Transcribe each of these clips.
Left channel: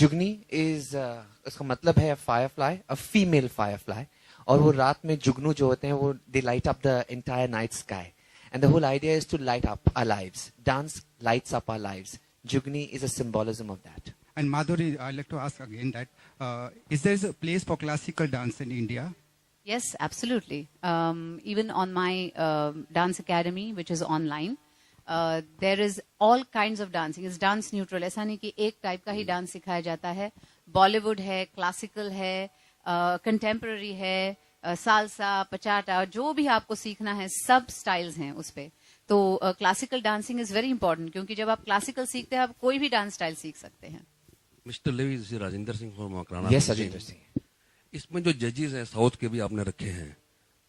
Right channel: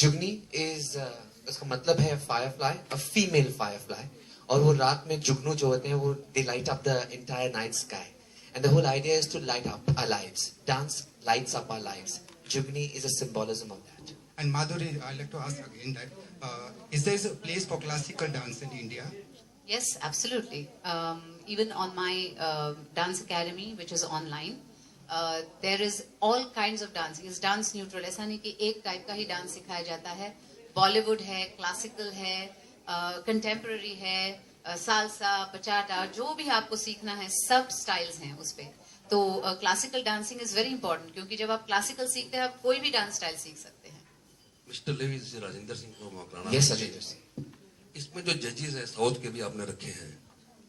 जुगनी is उसका मतलब है फायरफ्लाई, अ फीमेल फायरफ्लाई. और वो रात में जुगनू जो होते हैं वो they light up the entire night sky. And the whole idea is to light up our lives. Dance lights up our lives. Jugni is a symbolism of that. And Madhuri, I'd like to ask again that is there a place for classical dance in India? Yes, absolutely. Even on my dance academy, which is online, there is all kinds of dancing. It's dance neutral. ऐसा नहीं कि एक type का ही dance सिखाया जाता है. बॉलीवुड है, classical है, कंटेम्पररी है, सालसा, पचाटा, जो भी आपको सीखना है सब स्टाइल्स हैं उस पे. तो classical dancing is very important, क्योंकि जब आप क्लासिकल सीखते हैं आप कोई भी डांस स्टाइल सीख सकते हैं. Mister Levy, this is Rajendra Singh from Makrana. Yes Rajendra Singh. इसमें जो जजेस हैं साउथ के भी आपने रखे हैं,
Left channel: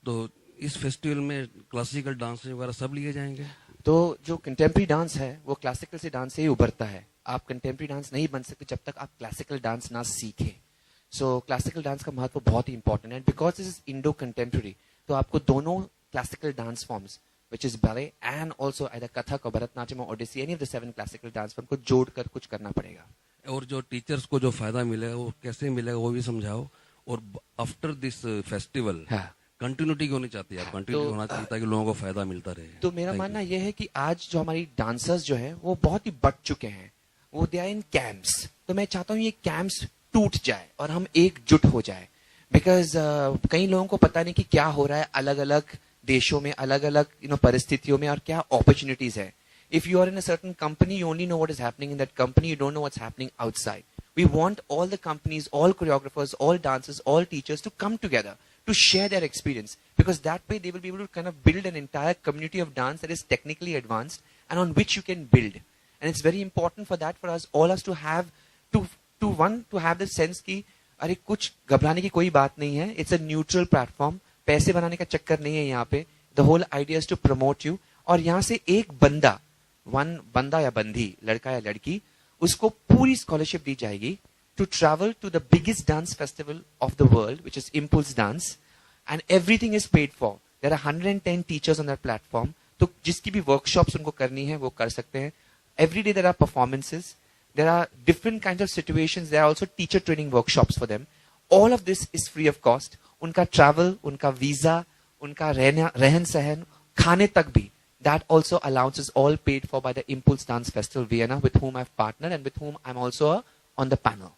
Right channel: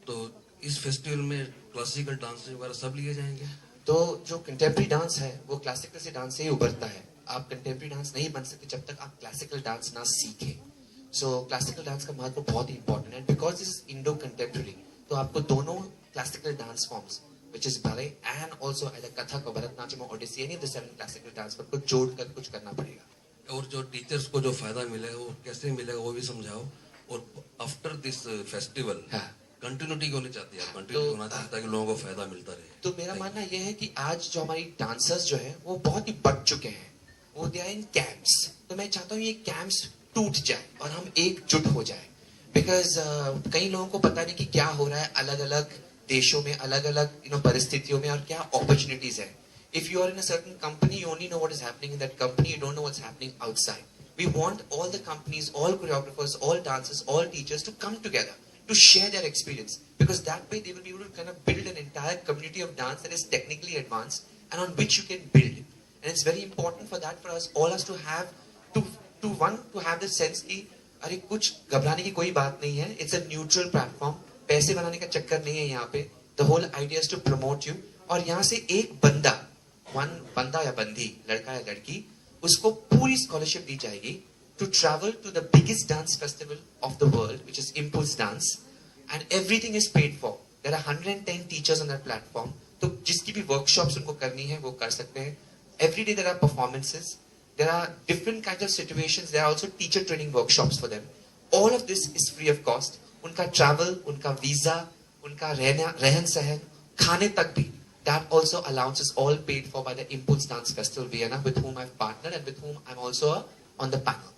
तो इस फेस्टिवल में क्लासिकल डांस वगैरह सब लिए जाएंगे? तो जो कंटेम्प्रेरी डांस है वो क्लासिकल से डांस से ही उभरता है. आप कंटेम्प्रेरी डांस नहीं बन सकते जब तक आप क्लासिकल डांस ना सीखें. सो क्लासिकल डांस का महत्व बहुत ही इंपॉर्टेंट है. Because this is Indo contemporary, तो आपको दोनों classical dance forms which is ballet and also either Kathak or Bharatanatyam or Odissi, any of the 7 classical dance पर कुछ जोड़कर कुछ करना पड़ेगा. और जो टीचर्स को जो फायदा मिलेगा वो कैसे मिलेगा वो भी समझाओ. और आफ्टर दिस फेस्टिवल कंटिन्यूटी क्यों नहीं चाहती आप? कंटिन्यू होना चाहता है कि लोगों को फायदा मिलता रहे. तो मेरा मानना यह है कि आज जो हमारी डांसर्स जो है वो बहुत ही बढ़ चुके हैं. वो दे आर इन कैंप्स. तो मैं चाहता हूँ ये कैंप्स टूट जाए और हम एकजुट हो जाए. बिकॉज कई लोगों को पता नहीं कि क्या हो रहा है अलग अलग देशों में, अलग अलग परिस्थितियों में, और क्या अपॉर्चुनिटीज है. If you are in a certain company, you only know what is happening in that company, you don't know what's happening outside. We want all the companies, all choreographers, all dancers, all teachers to come together to share their experience, because that way they will be able to kind of build an entire community of dance that is technically advanced and on which you can build. And it's very important for that, for us all us to have to have the sense कि अरे कुछ घबराने की कोई बात नहीं है. It's a neutral platform. पैसे बनाने का चक्कर नहीं है यहाँ पे. The whole idea is to promote you. और यहाँ से एक बंदा या बंदी, लड़का या लड़की, उसको पूरी स्कॉलरशिप दी जाएगी to travel to the biggest dance festival of the world, which is Impulse Dance, and everything is paid for. There are 110 teachers on that platform. तो जिसकी भी workshops उनको करनी है वो कर सकते हैं. Every day there are performances. There are different kinds of situations. There are also teacher training workshops for them. All of this is free of cost. उनका travel, उनका visa, उनका रहन सहन, खाने तक भी, that also allowance is all paid for by the Impulse Dance Festival Vienna, with whom I've partnered and with whom I'm also on the panel.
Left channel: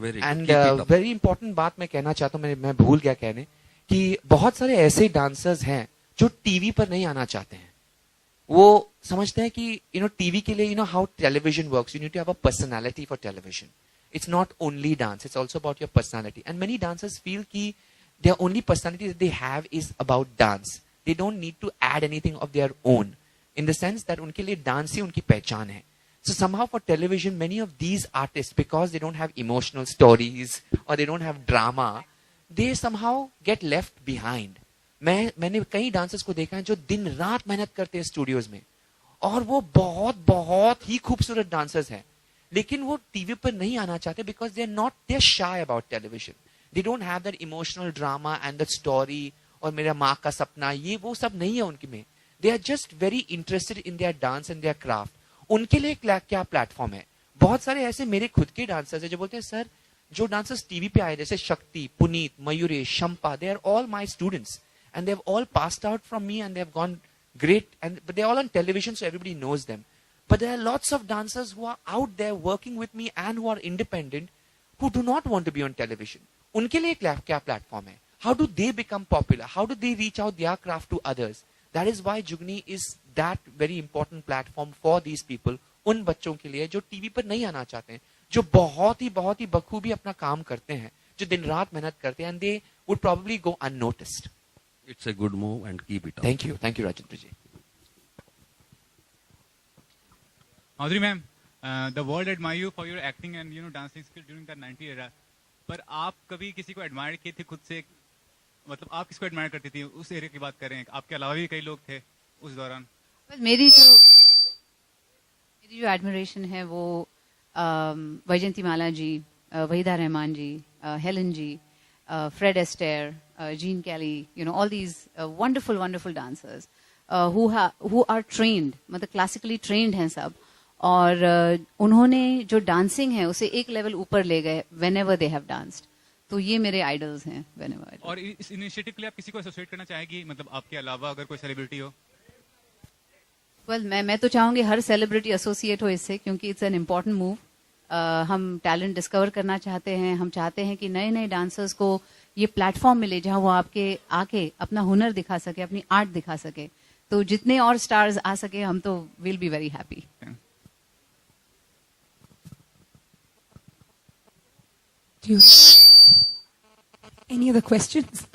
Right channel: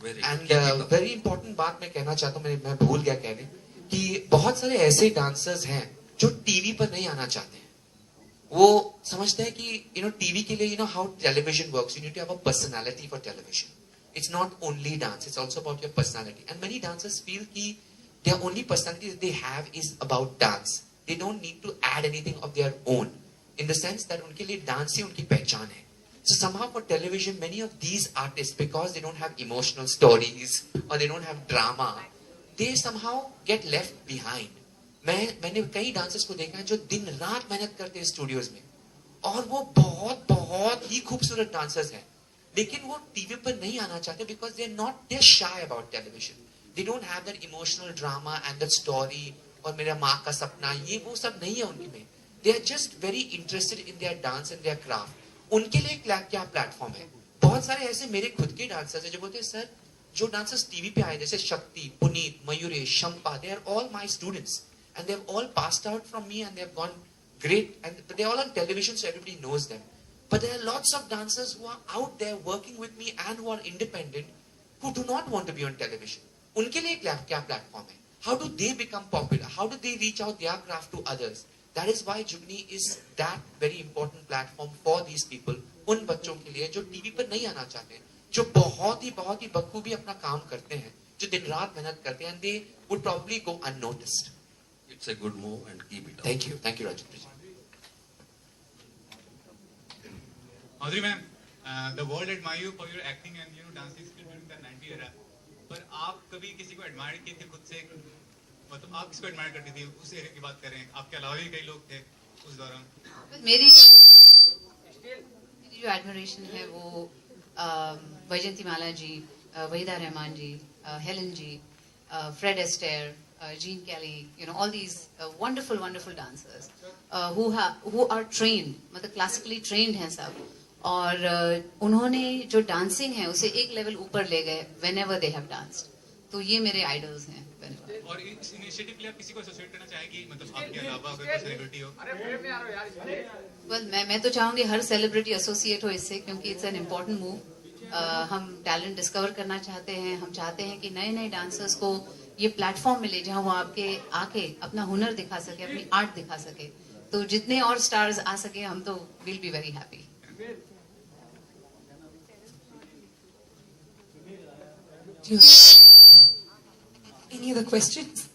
Very important बात मैं कहना चाहता हूँ, मैं भूल गया कहने, कि बहुत सारे ऐसे डांसर्स हैं जो टीवी पर नहीं आना चाहते हैं. वो समझते हैं कि टीवी के लिए how television works, you need to have a personality for television. It's not only dance, it's also about your personality. And many dancers feel कि their only personality that they have is about dance. They don't need to add anything of their own, in the sense that उनके लिए dance ही उनकी पहचान है. So somehow for television, many of these artists, because they don't have emotional stories or they don't have drama, they somehow get left behind. मैंने कई dancers को देखा है जो दिन रात मेहनत करते हैं स्टूडियोज में, और वो बहुत बहुत ही खूबसूरत डांसर्स हैं, लेकिन वो टीवी पर नहीं आना चाहते because they're shy about television. They don't have that emotional drama and that story, और मेरा माँ का सपना, ये वो सब नहीं है उनके में. They are just very interested in their dance and their craft. उनके लिए क्या प्लेटफॉर्म है. बहुत सारे ऐसे मेरे खुद के डांसर्स हैं जो बोलते हैं सर, जो डांसर्स टीवी पे आए जैसे शक्ति, Puneet, Mayuresh, Shampa, they are all my students and they have all passed out from me and they have gone great, but they are all on television so everybody knows them. But there are lots of dancers who are out there working with me and who are independent, who do not want to be on television. उनके लिए क्या platform है? How do they become popular? How do they reach out their craft to others? That is why Jugni is that very important platform for these people. उन बच्चों के लिए जो TV पर नहीं आना चाहते हैं, जो बहुत ही बखूबी अपना काम करते हैं, जो दिन रात मेहनत करते हैं, and they would probably go unnoticed. It's a good move and keep it up. Thank you, Rajendra ji. Madhuri ma'am, the world admire you for your acting and dancing skill during the 90s era. पर आप कभी किसी को admire किए थे खुद से? मतलब आप किसको एडमायर करती थी उस एरिया की बात कर रहे हैं? आपके अलावा भी कई लोग थे उस दौरान. मेरी जो एडमिरेशन है वो Vyjayanthimala ji, Waheeda Rehman ji, Helen ji, Fred Astaire, Gene Kelly, all these wonderful dancers who are trained, मतलब classically trained हैं सब, और उन्होंने जो डांसिंग है उसे एक लेवल ऊपर ले गए whenever they have danced. तो ये मेरे आइडल्स हैं whenever. और इस इनिशिएटिव के लिए आप किसी को एसोसिएट करना चाहेगी, मतलब आपके अलावा अगर कोई सेलिब्रिटी हो? Well, मैं तो चाहूंगी हर सेलिब्रिटी एसोसिएट हो इससे, क्योंकि इट्स एन इम्पोर्टेंट मूव. हम टैलेंट डिस्कवर करना चाहते हैं. हम चाहते हैं कि नए नए डांसर्स को ये प्लेटफॉर्म मिले जहां वो आपके आके अपना हुनर दिखा सके, अपनी आर्ट दिखा सके. तो जितने और स्टार्स आ सके हम तो will be very happy. Do you any other questions?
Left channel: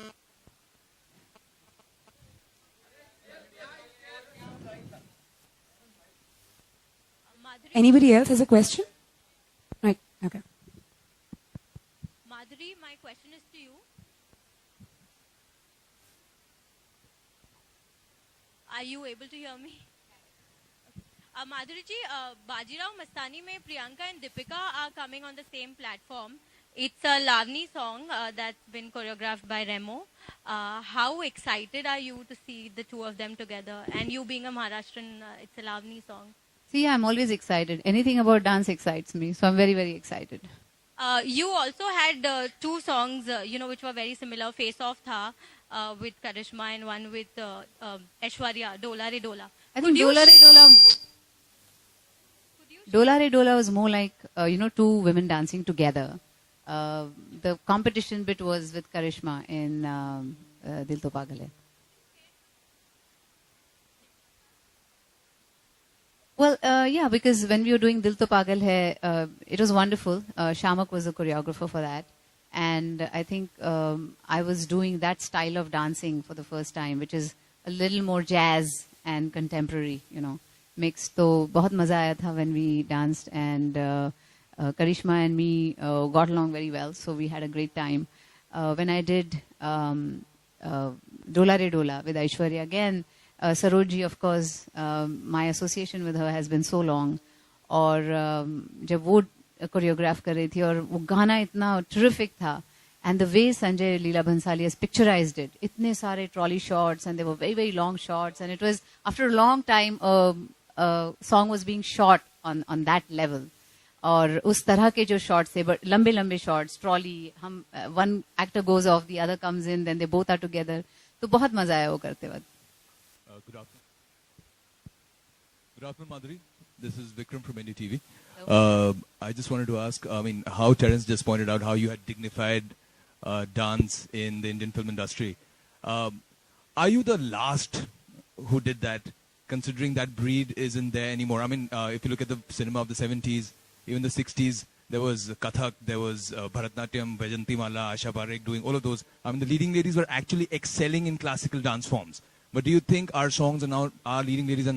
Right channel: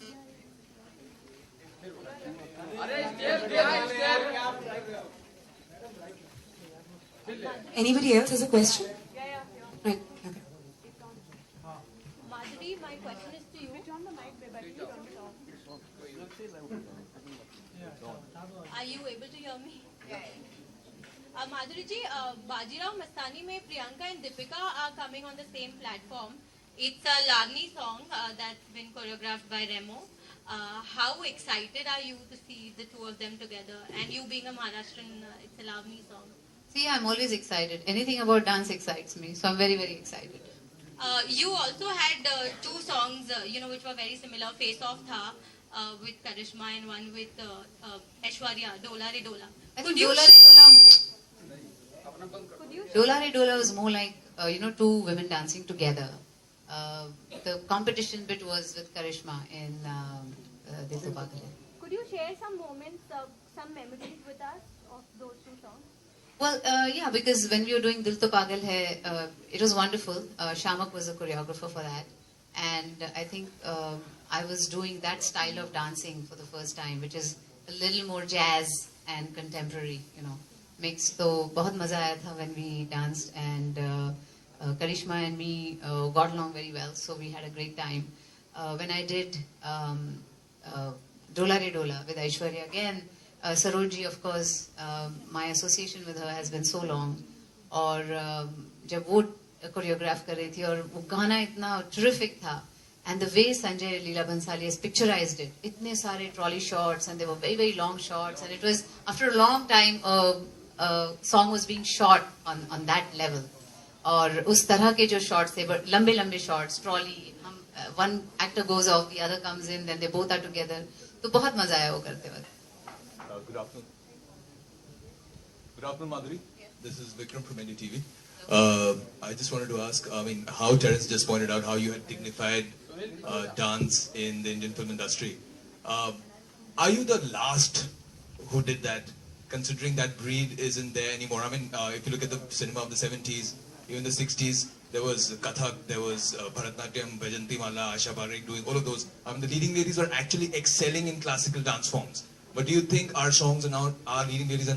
Anybody else has a question? Right. Okay. Madhuri, my question is to you. Are you able to hear me? Madhuri ji, Bajirao Mastani mein Priyanka and Deepika are coming on the same platform. It's a Lavani song that's been choreographed by Remo. How excited are you to see the two of them together? And you being a Maharashtrian, it's a Lavani song. See, I'm always excited. Anything about dance excites me, so I'm very, very excited. You also had two songs, which were very similar. Face Off Tha with Karishma and one with Aishwarya, Dola Re Dola. I think Dola Re Dola was more like, two women dancing together. The competition bit was with Karishma in Dil To Pagal Hai. Could you share some moments, some memories with us of those two songs? Well, yeah, because when we were doing Dil To Pagal Hai, it was wonderful. Shamak was a choreographer for that. And I think I was doing that style of dancing for the first time, which is a little more jazz and contemporary, mixed. So, बहुत मजा आया था when we danced, and Karishma and me got along very well, so we had a great time. When I did Dola Re Dola with Aishwarya again, Sarojji, of course, my association with her has been so long. और जब वो choreograph कर रही थी और वो गाना इतना terrific था, and the way Sanjay Leela Bhansali has picturized it, इतने सारे trolley shots, and they were very, very long shots, and it was after a long time a song was being shot on that level. और उस तरह के जो shots थे, लंबे लंबे शॉट्स, ट्रॉली, हम one actor goes off, the other comes in, then they both are together. तो बहुत मजा आया वो करते वक्त. Good afternoon, Madhuri. This is Vikram from NDTV. I just wanted to ask, how Terence just pointed out how you had dignified dance in the Indian film industry. Are you the last who did that, considering that breed isn't there anymore? If you look at the cinema of the 70s, even the 60s, there was Kathak, there was Bharatnatyam, Vajanti Mala, Asha Parekh doing all of those. The leading ladies were actually excelling in classical dance forms. But do you think our songs are now, our leading ladies are